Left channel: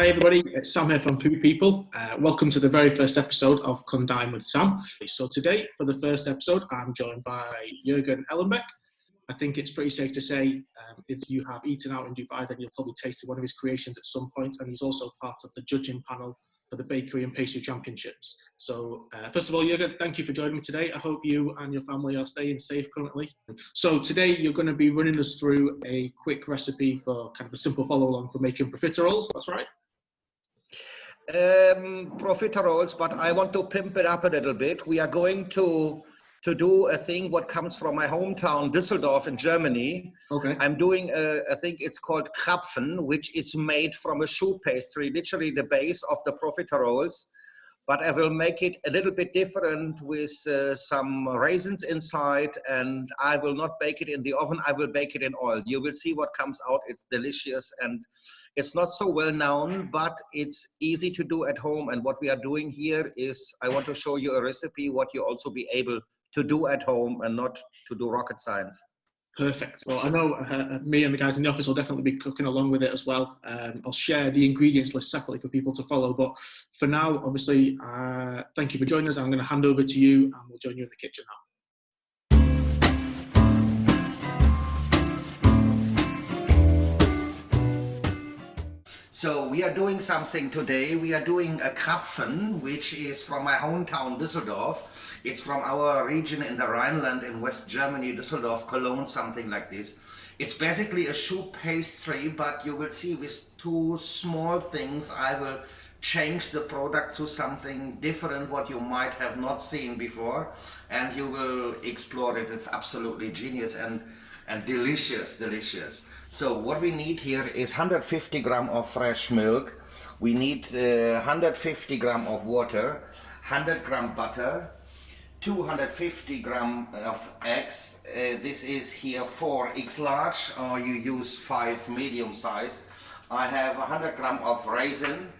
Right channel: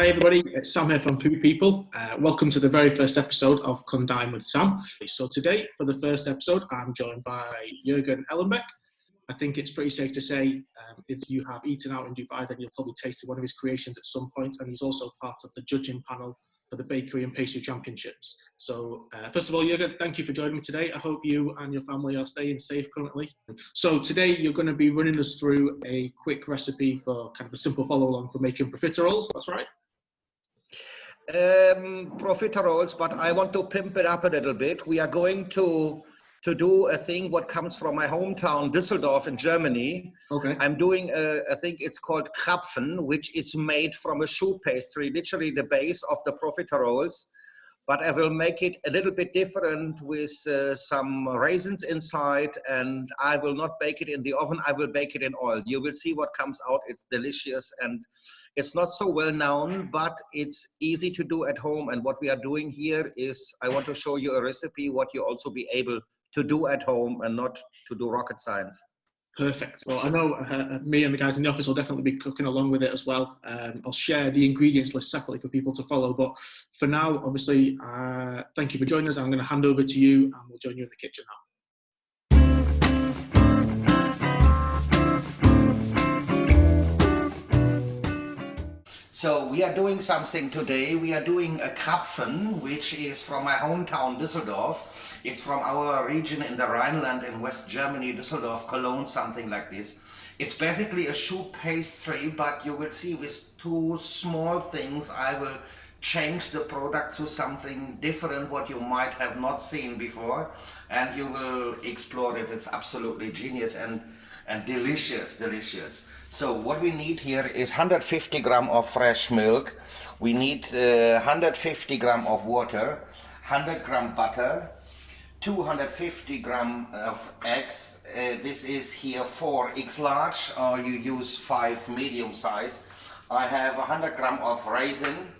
Hi everybody, it's Sam here from Food People. Welcome to the very first episode of Dine with Sam. So today, for the first episode, I'm joined by Jurgen Ellenbeck. I think it's pretty safe to say if you have eaten out in Dubai, then you'll probably tasted one of his creations at some point, and he's also part of the judging panel for the Bakery and Pastry Championships. So first of all, Jurgen, thank you for joining me today. I hope you and your family are staying safe currently. So today you're going to be running us through a quick recipe for kind of a simple follow-along for making profiteroles, that's right? Profiteroles, but I want to pimp it up a little bit. We are going to do a thing what comes from my hometown, Düsseldorf in Germany. Okay. I'm doing I think it's called Krapfen, which is made from a choux pastry, literally the base of the profiteroles. But I will make it a little bit different with some raisins inside, and I will not bake it in the oven. I will bake it in oil. You will see what comes out. It's delicious, and it's not so well known, but it's easy to do at home. And what we are doing here is I want to show you a recipe, what you also be able to do at home and not to do rocket science. Perfect. Well, I know me and the guys in the office will definitely be cooking along with it as well. I'll share the ingredients list separately for people to follow. But for now, obviously, thank you for joining us. I'm going to hand over to you and we'll join you in the kitchen now. So we are doing something today. We are doing a Krapfen, which is from my hometown, Düsseldorf. It's from our region in the Rhineland in West Germany, Düsseldorf, Cologne, something like this. It's basically a choux pastry, but you will see with two small things, I will change the product to something different, what you might have not seen before, and you will explore it. It's absolutely genius and delicious, delicious. So what we need here is 150 gram of fresh milk. We need 150 gram of water, 100 gram butter, 250 gram of eggs. This is here 4 eggs large, or you use 5 medium size. I have 100 gram of raisin.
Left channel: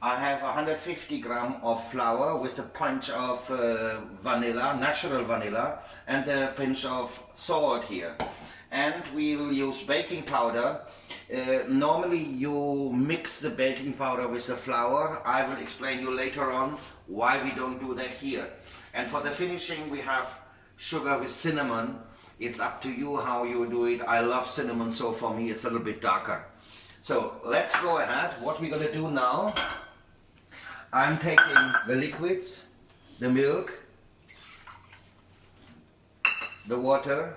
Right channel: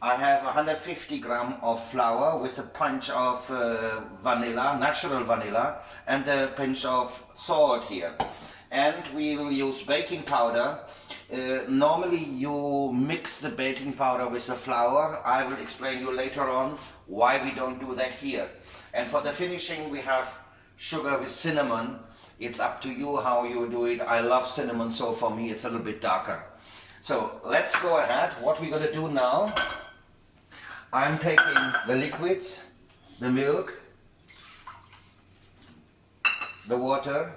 I have 150 gram of flour with a pinch of vanilla, natural vanilla, and a pinch of salt here. And we will use baking powder. Normally you mix the baking powder with the flour. I will explain you later on why we don't do that here. And for the finishing we have sugar with cinnamon. It's up to you how you do it. I love cinnamon, so for me it's a little bit darker. So let's go ahead. What we're going to do now, I'm taking the liquids, the milk, the water,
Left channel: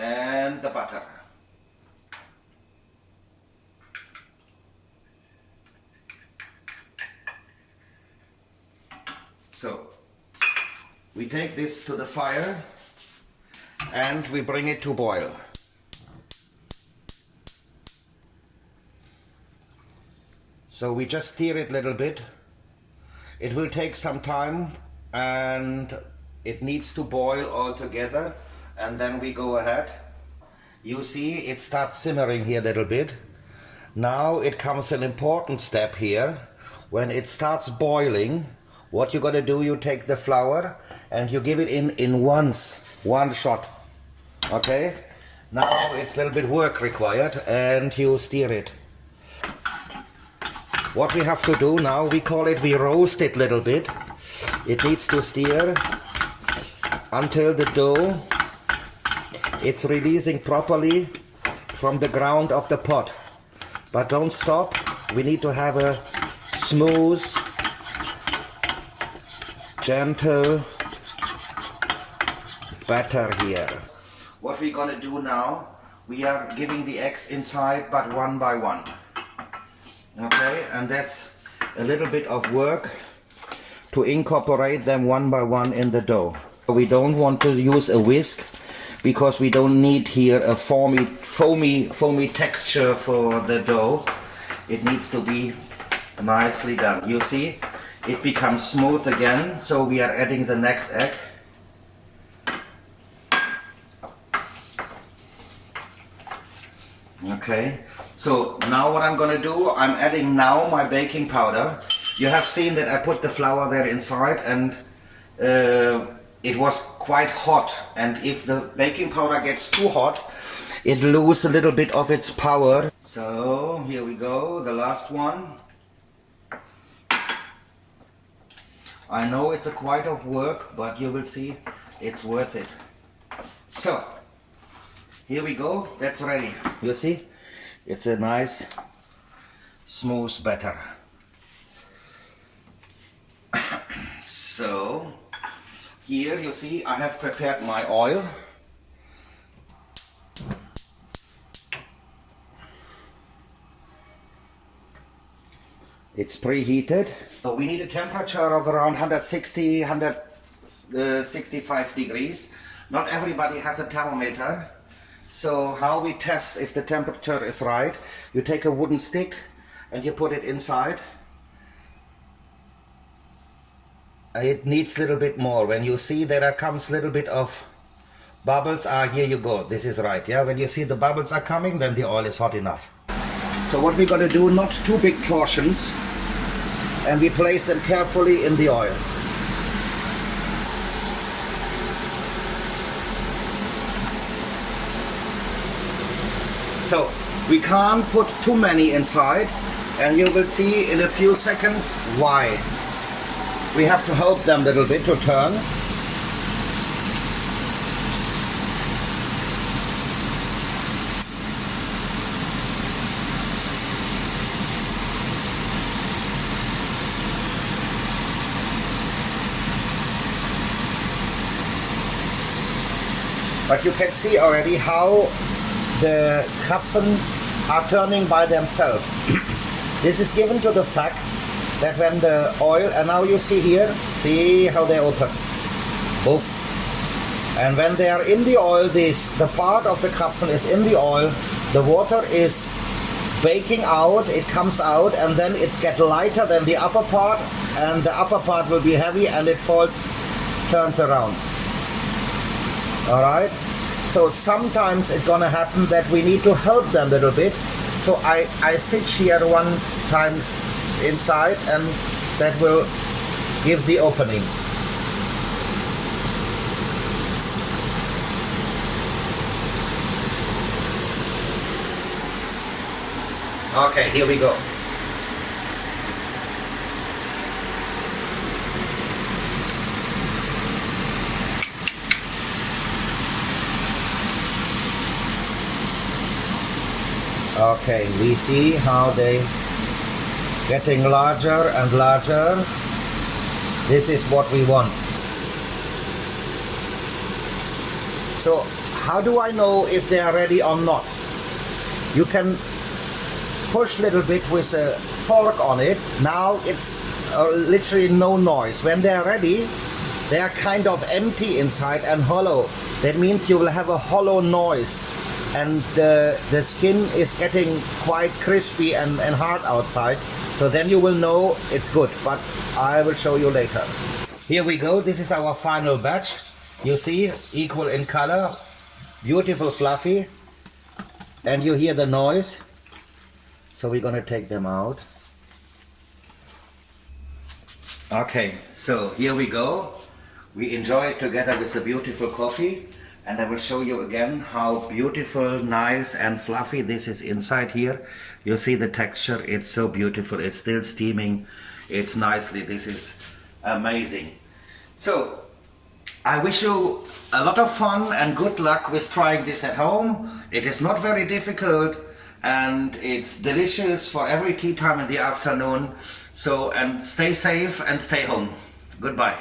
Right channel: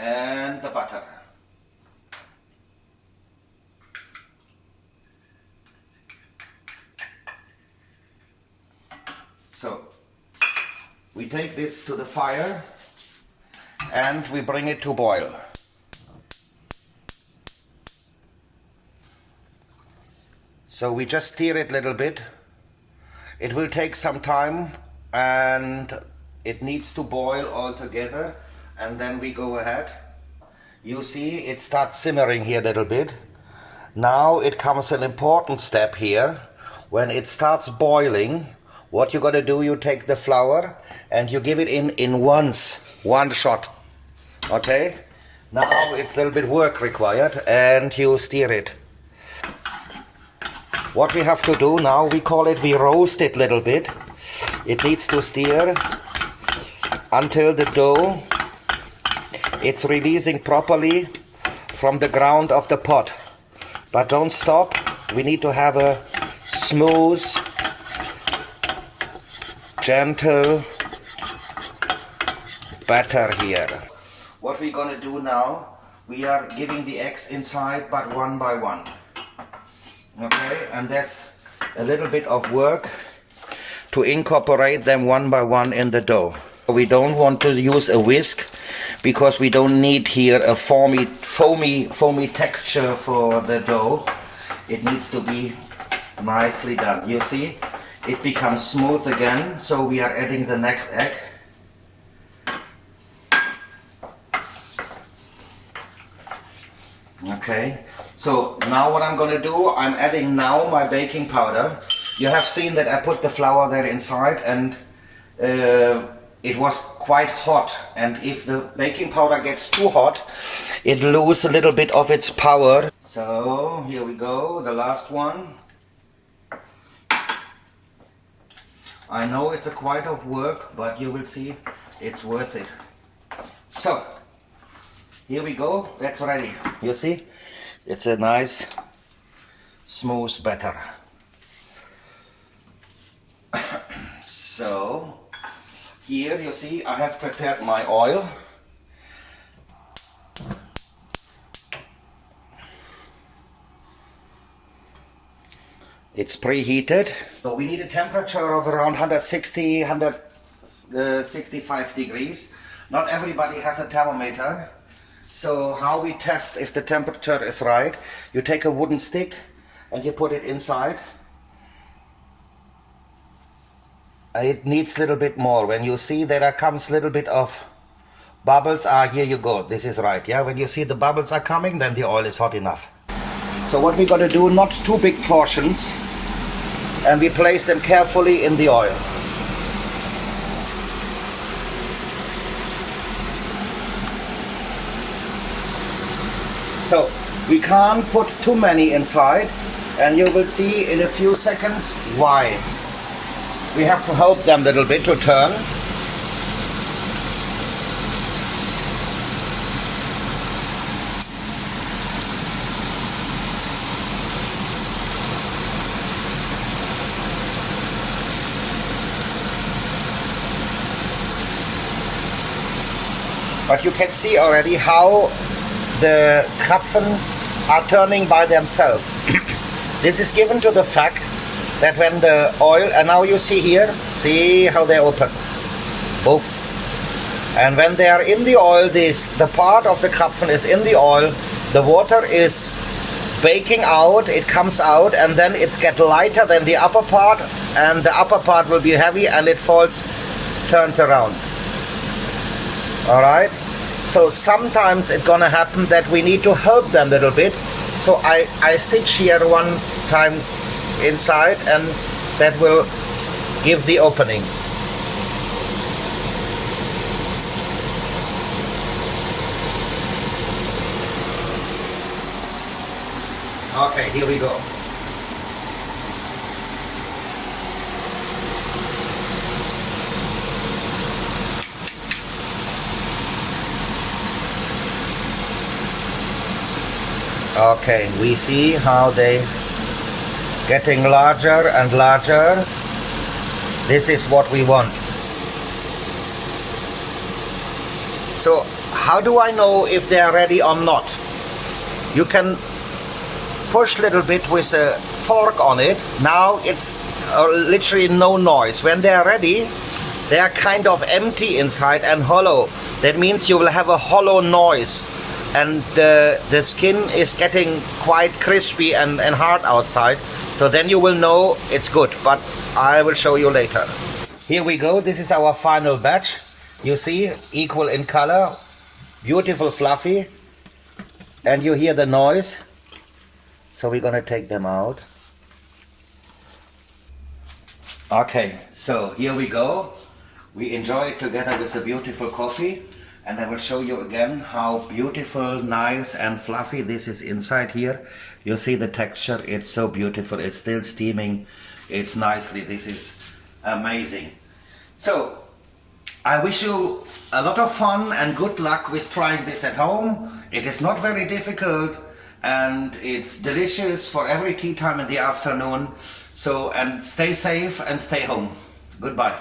and the butter. So we take this to the fire and we bring it to boil. So we just stir it a little bit. It will take some time and it needs to boil all together. And then we go ahead. You see it starts simmering here a little bit. Now it comes an important step here. When it starts boiling, what you're gonna do, you take the flour and you give it in one shot. Okay? Now it's a little bit work required and you stir it. What we have to do now, we roast it a little bit. It needs to stir until the dough it's releasing properly from the ground of the pot. But don't stop. We need to have a smooth, gentle batter here. What we're gonna do now, we are giving the eggs inside, but one by one. Okay, and that's a little bit of work to incorporate them one by one in the dough. We don't want to use a whisk because we don't need here a foamy texture for the dough. It needs to be nicely done. You see, it becomes smooth again, so we are adding the next egg. Okay, so now what I'm gonna do, I'm adding now my baking powder. You have seen that I put the flour there inside, and it was quite hot, and if the baking powder gets too hot, it loses a little bit of its power. So here we go, the last one. I know it's a quite of work, but you will see it's worth it. So here we go, that's ready. You see, it's a nice smooth batter. So here you see I have prepared my oil. It's preheated. So we need a temperature of around 160, 165 degrees. Not everybody has a thermometer. So how we test if the temperature is right, you take a wooden stick and you put it inside. It needs a little bit more. When you see that there comes a little bit of bubbles, here you go, this is right, yeah? When you see the bubbles are coming, then the oil is hot enough. So what we're going to do, not too big portions, and we place them carefully in the oil. So we can't put too many inside, and you will see in a few seconds why. We have to help them a little bit to turn. But you can see already how the Krapfen are turning by themselves. This is given to the fact that when the oil, and now you see here, see how they open, both. And when they are in the oil, the part of the Krapfen is in the oil, the water is baking out, it comes out, and then it gets lighter than the upper part, and the upper part will be heavy and it turns around. All right? So sometimes it's gonna happen that we need to help them a little bit. So I stitch here one time inside, and that will give the opening. Okay, here we go. Okay, we see how they getting larger and larger. This is what we want. So how do I know if they are ready or not? You can push a little bit with a fork on it. Now it's literally no noise. When they are ready, they are kind of empty inside and hollow. That means you will have a hollow noise, and the skin is getting quite crispy and hard outside. So then you will know it's good, but I will show you later. Here we go, this is our final batch. You see, equal in color, beautiful fluffy, and you hear the noise. So we're gonna take them out. Okay, so here we go. We enjoy it together with a beautiful coffee. And I will show you again how beautiful, nice and fluffy this is inside here. You see the texture, it's so beautiful. It's still steaming, it's nicely, this is amazing. So, I wish you a lot of fun and good luck with trying this at home. It is not very difficult, and it's delicious for every tea time in the afternoon. So, and stay safe and stay home. Goodbye.